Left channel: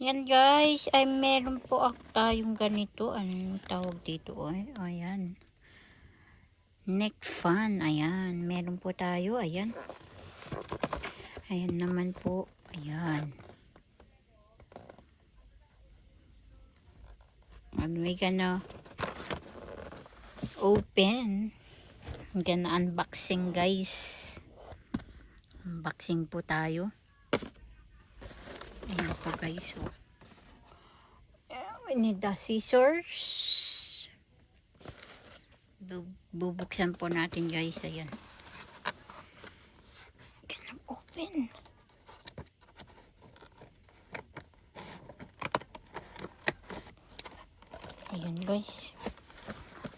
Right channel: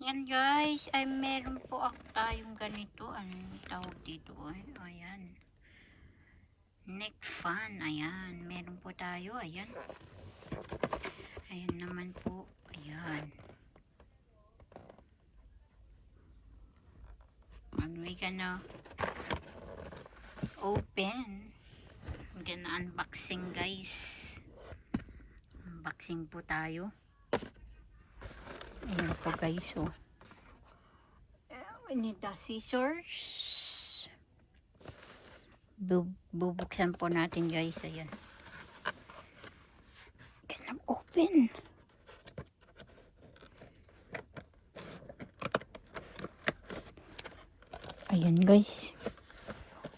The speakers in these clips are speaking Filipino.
Yan guys, ay meron po tayong ganito. Anong tawag dito? Ay, ayan. Neck fan. Ayan. Meron po tayo. Ayan. Ayan naman po. Ayan. And we gonna open. Gonna unboxing guys. Unboxing po tayo. Ayan po guys. Oh. We need the scissors. Bubuksan po natin guys. Ayan. Gonna open. Ayan guys.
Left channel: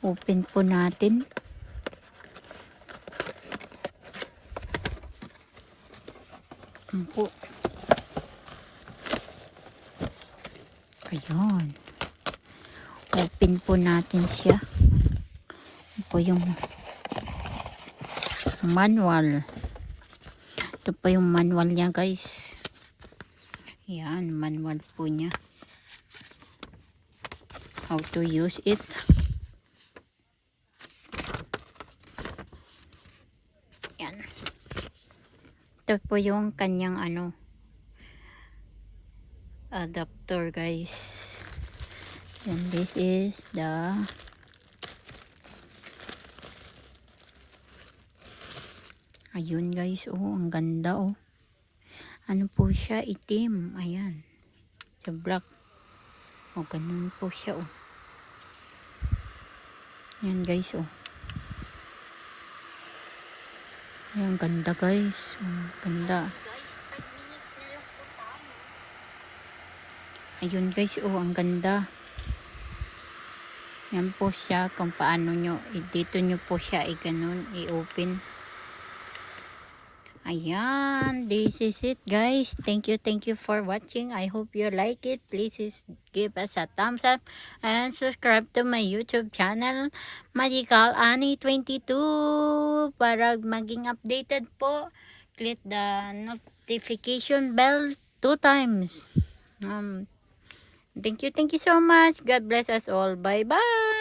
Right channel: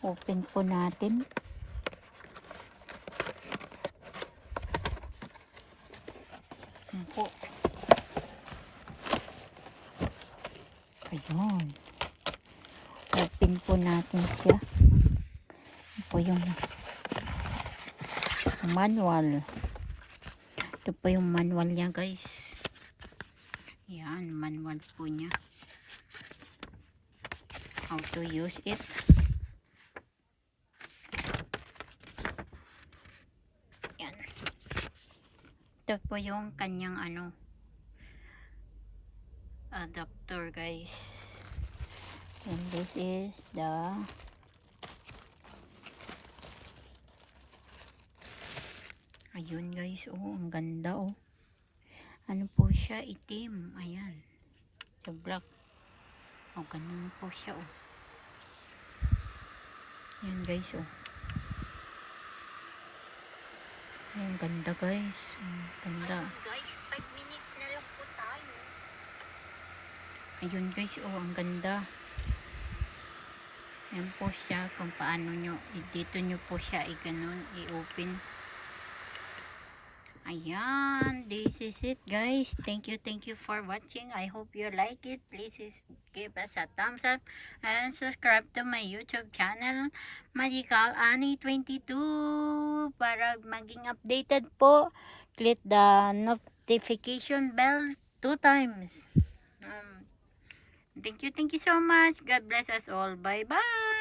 Open po natin. Ayan po. Ayan. Open po natin siya. Ito po yung manual. Ito po yung manual niya guys. Ayan. Manual po niya. How to use it. Ayan. Ito po yung kanyang adapter guys. And this is the ayun guys, oh ang ganda oh. Ano po siya, itim. Ayan. Sa black. Oh, ganun po siya oh. Ayan guys oh. Ayan, ganda guys. Oh, ganda. Ayun guys, oh ang ganda. Yan po siya kung paano nyo, dito nyo po siya i-ganon, i-open. Ayan, this is it guys. Thank you for watching. I hope you like it. Please give us a thumbs up and subscribe to my YouTube channel, Magical Annie 22, para maging updated po. Click the notification bell 2 times. Thank you so much. God bless us all. Bye bye.